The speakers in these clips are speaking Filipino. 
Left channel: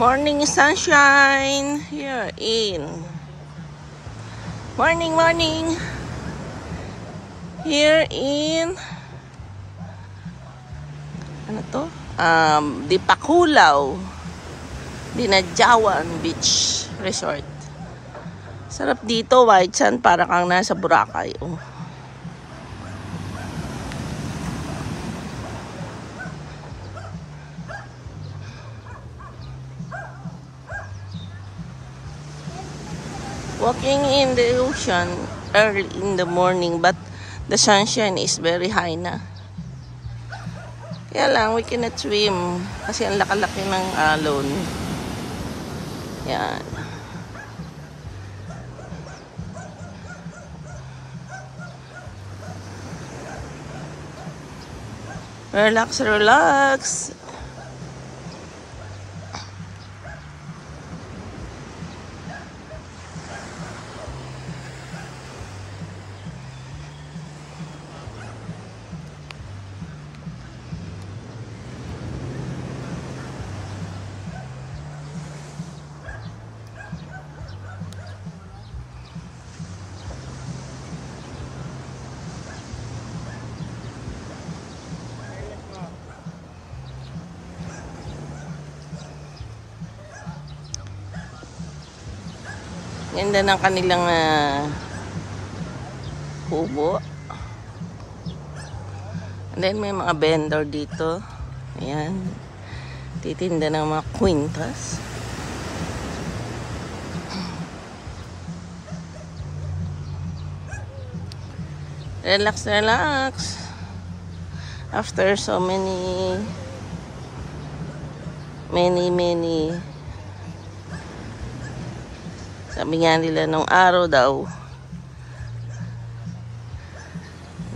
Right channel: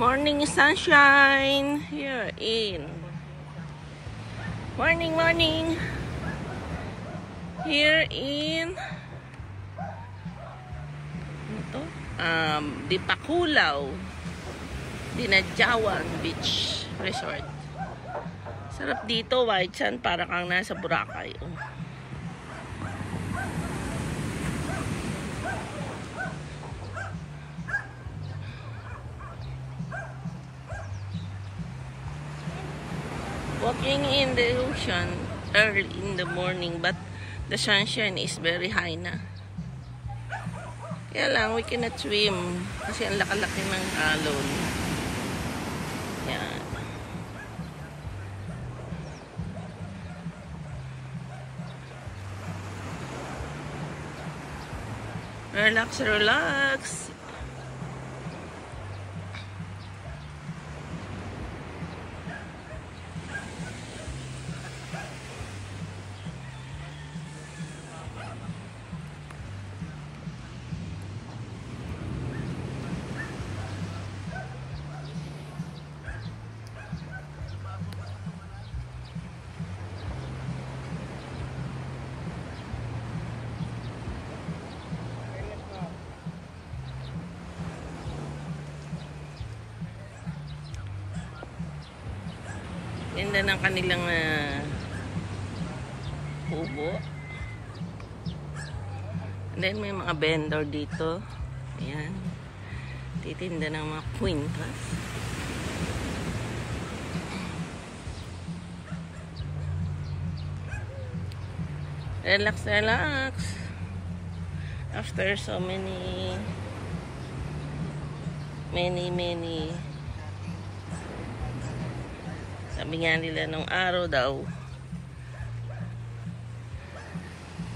Morning sunshine here in morning here in ano to? Dipakulaw Dinadjawan Beach Resort. Sarap dito, white sand, para kang nasa Boracay. Walking in the ocean early in the morning, but the sunshine is very high na. Kaya lang, we cannot swim kasi ang laki-laki ng alon. Yan. Relax, relax. Ganda ng kanilang kubo. And then may mga vendor dito. Ayan. Titinda ng mga kwintas. Relax, relax. After so many sabi nga nila nung araw daw,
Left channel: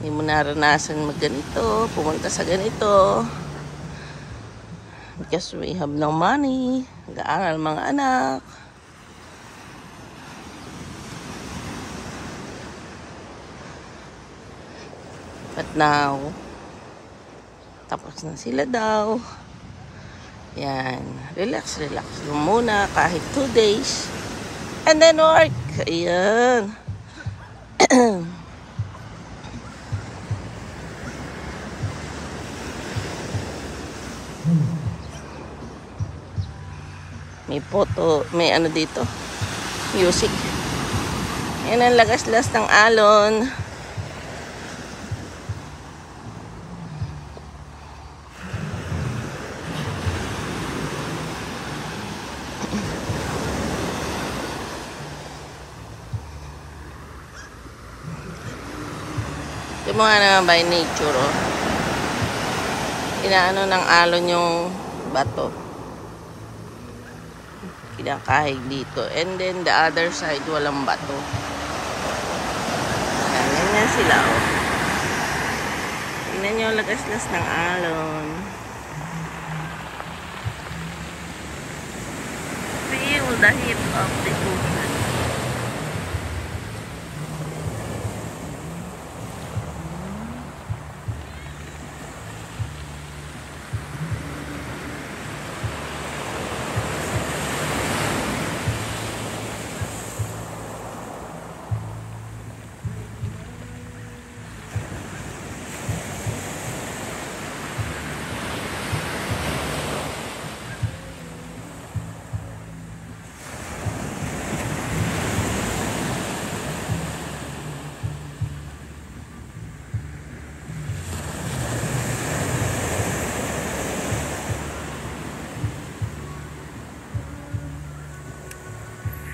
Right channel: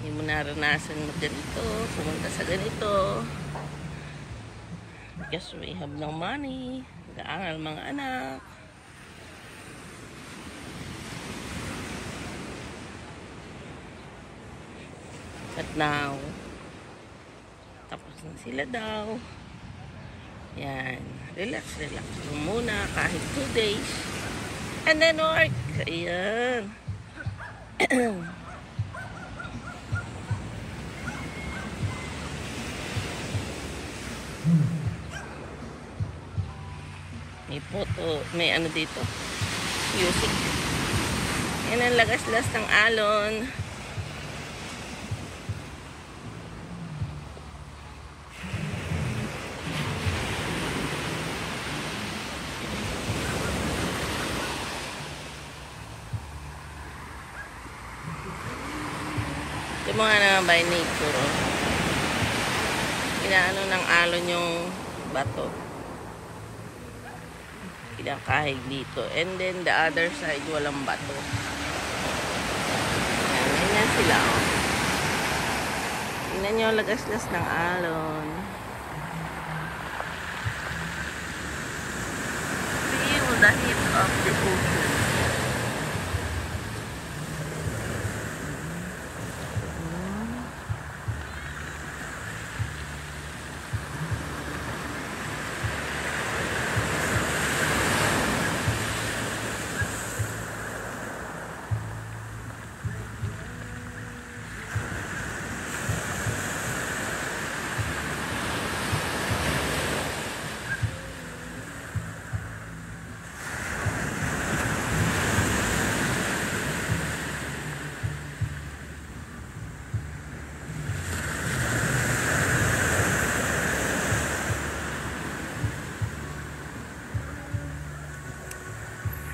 hindi mo naranasan magganito, pumunta sa ganito, because we have no money, nag-aaral mga anak. But now, tapos na sila daw. Yan, relax, relax lang muna kahit 2 days. And then work. Ayan. May photo, may ano dito. Music. Yan ang lagas-las ng alon. Ito mga naman by nature, oh. Inaano ng alon yung bato. Kinakahig dito. And then the other side, walang bato. Yan, ganyan sila, oh. Tingnan nyo, lagas-las ng alon. Feel the heat of the ocean.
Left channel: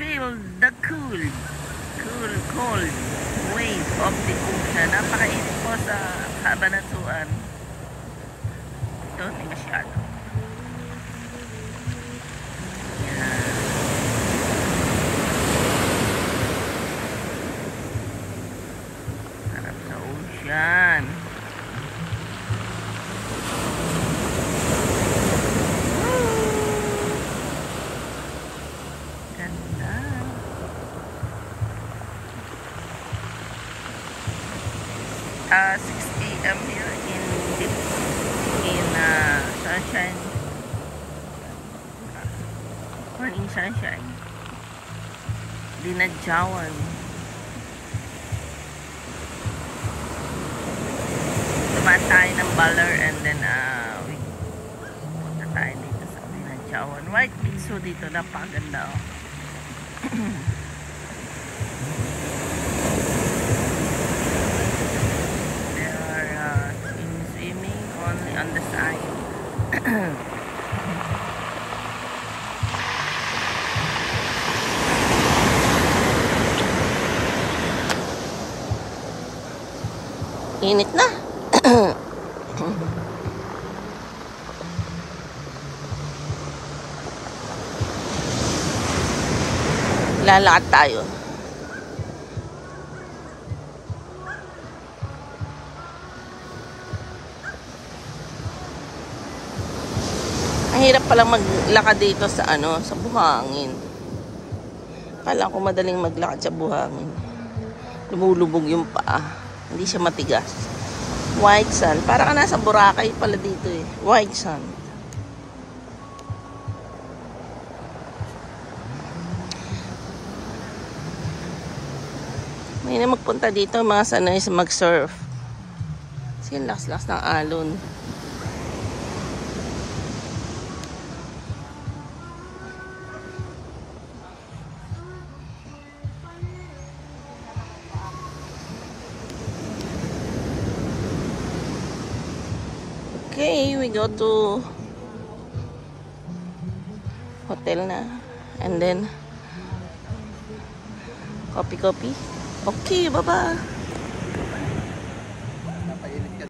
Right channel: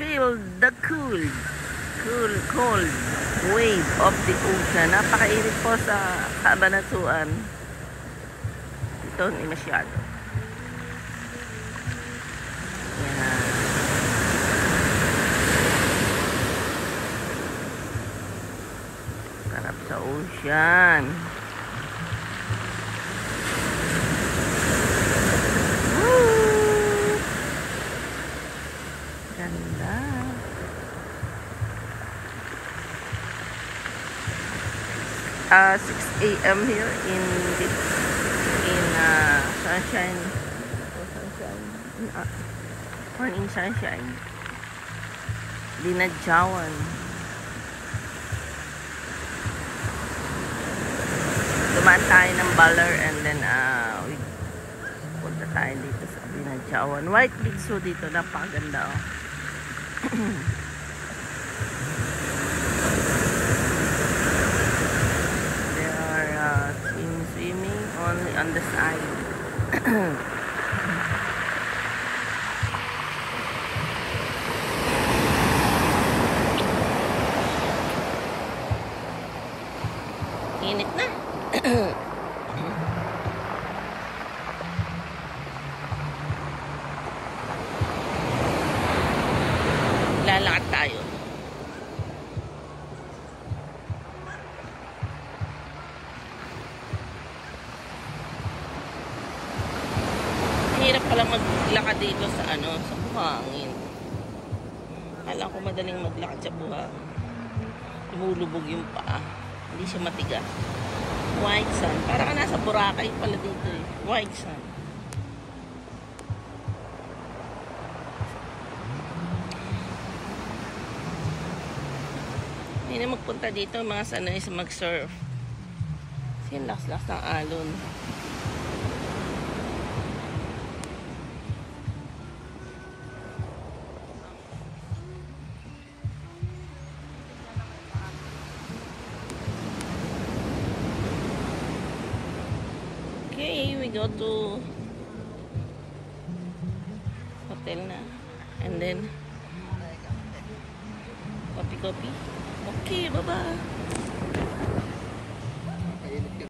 Feel the cold wave of the ocean. Napakainit po sa Cabanatuan. Ito, hindi masyado. Yan. Sarap sa ocean. Ganda. 6 a.m. here in Sunshine. Morning Sunshine. Dinadjawan. Dumaan tayo ng Baler and then punta tayo dito sa Dinadjawan. White Beach so dito, napakaganda oh. There are swimming only on the side. Init na. Lalakad tayo. Ang hirap palang maglakad dito sa sa buhangin. Akala ko madaling maglakad sa buhangin. Lumulubog yung paa. Hindi siya matigas. White sand. Para ka nasa Boracay pala dito eh. White sand. May na magpunta dito mga sanay sa mag-surf. Kasi yung lakas-lakas ng alon. Okay, we go to hotel na. And then coffee. Okay, bye-bye.